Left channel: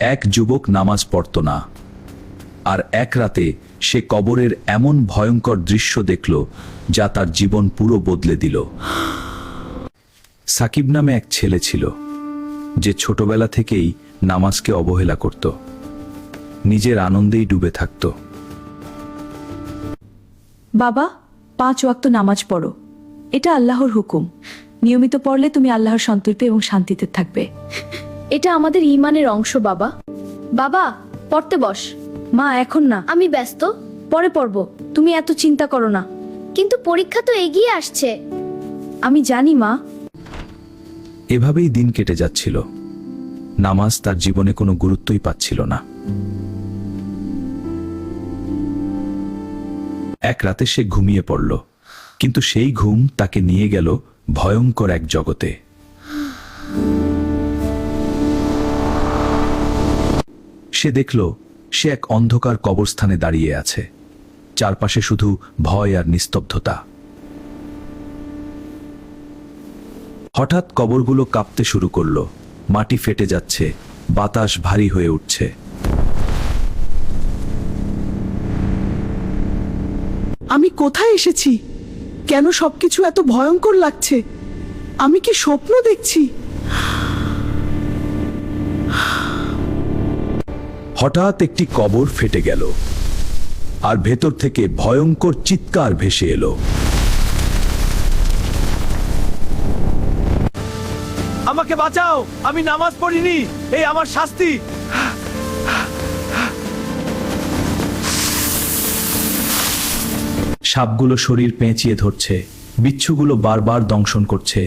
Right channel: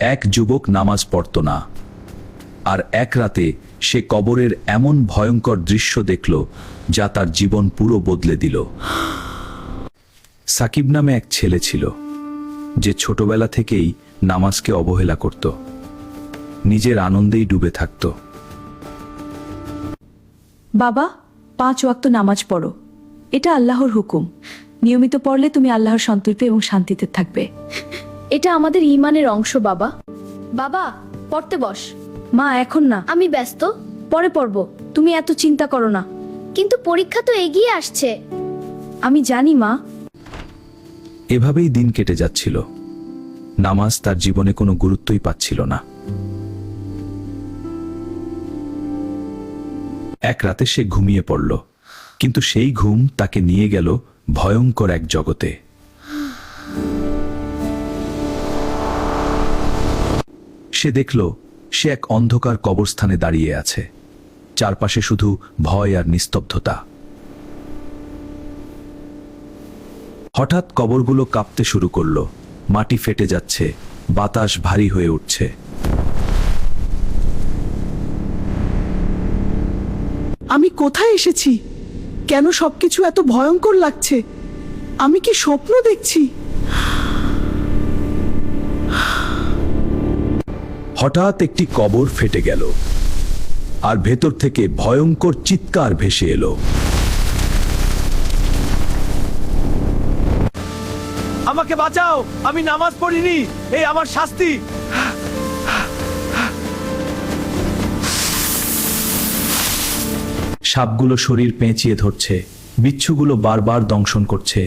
এক যুবক নামাজ পড়ত না, আর এক রাতে সে কবরের এমন ভয়ঙ্কর দৃশ্য দেখল যা তার জীবন পুরো বদলে দিল। সাকিব নামে এক ছেলে ছিল যে ছোটবেলা থেকেই নামাজকে অবহেলা করত, নিজের আনন্দেই ডুবে থাকত। বাবা, 5 ওয়াক্ত নামাজ পড়ো, এটা আল্লাহর হুকুম। নিয়মিত পড়লে তুমি আল্লাহর সন্তুষ্টি এবং শান্তিতে থাকবে। এটা আমাদের ঈমানের অংশ বাবা। বাবা, পড়তে বস। মা, এখন না, আমি ব্যস্ত, পরে পড়বো। তুমি এত চিন্তা করো না। কিন্তু পরীক্ষা তো এগিয়ে আসছে। আমি জানি মা। এভাবেই দিন কেটে যাচ্ছিল। নামাজ তার জীবনে কোনো গুরুত্বই পাচ্ছিল না। এক রাতে সে ঘুমিয়ে পড়ল, কিন্তু সেই ঘুম তাকে নিয়ে গেল ভয়ঙ্কর এক জগতে। সে দেখল সে এক অন্ধকার কবরস্থানে দাঁড়িয়ে আছে, চারপাশে শুধু ভয় আর নিস্তব্ধতা। হঠাৎ কবরগুলো কাঁপতে শুরু করলো, মাটি ফেটে যাচ্ছে, বাতাস ভারী হয়ে উঠছে। আমি কোথায় এসেছি? কেন সবকিছু এত ভয়ঙ্কর লাগছে? আমি কি স্বপ্ন দেখছি? হঠাৎ একটি কবর ফেটে গেল, আর ভেতর থেকে ভয়ঙ্কর চিৎকার ভেসে এলো। আমাকে বাঁচাও, আমি নামাজ পড়িনি, এই আমার শাস্তি। সাপগুলো শরীর পেঁচিয়ে ধরছে, বিচ্ছুগুলো বারবার দংশন করছে।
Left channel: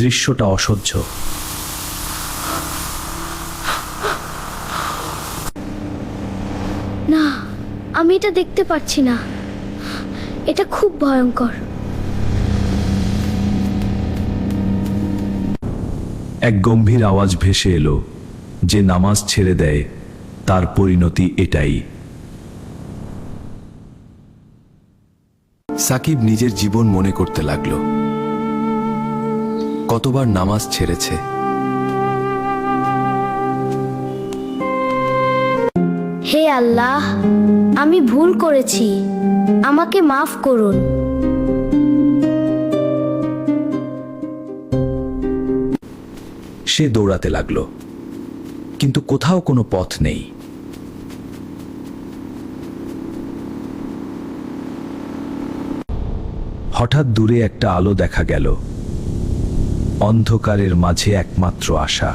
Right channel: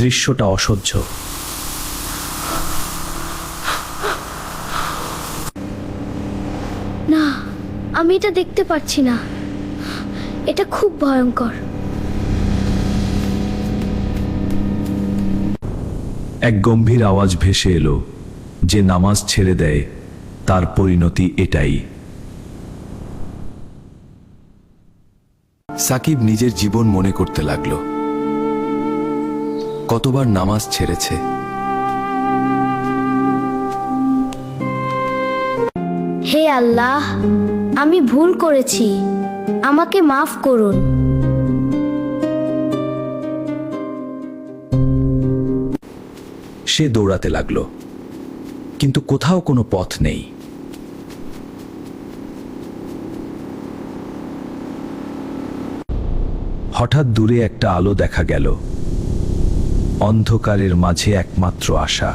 দৃশ্যটা অসহ্য। না, আমি এটা দেখতে পাচ্ছি না। এটা খুব ভয়ঙ্কর। এক গম্ভীর আওয়াজ ভেসে এলো, যে নামাজ ছেড়ে দেয় তার পরিণতি এটাই। সাকিব নিজের জীবন মনে করতে লাগলো, কতবার নামাজ ছেড়েছে। হে আল্লাহ, আমি ভুল করেছি, আমাকে মাফ করুন। সে দৌড়াতে লাগলো, কিন্তু কোথাও কোনো পথ নেই। হঠাৎ দূরে একটা আলো দেখা গেল, অন্ধকারের মাঝে একমাত্র আশা।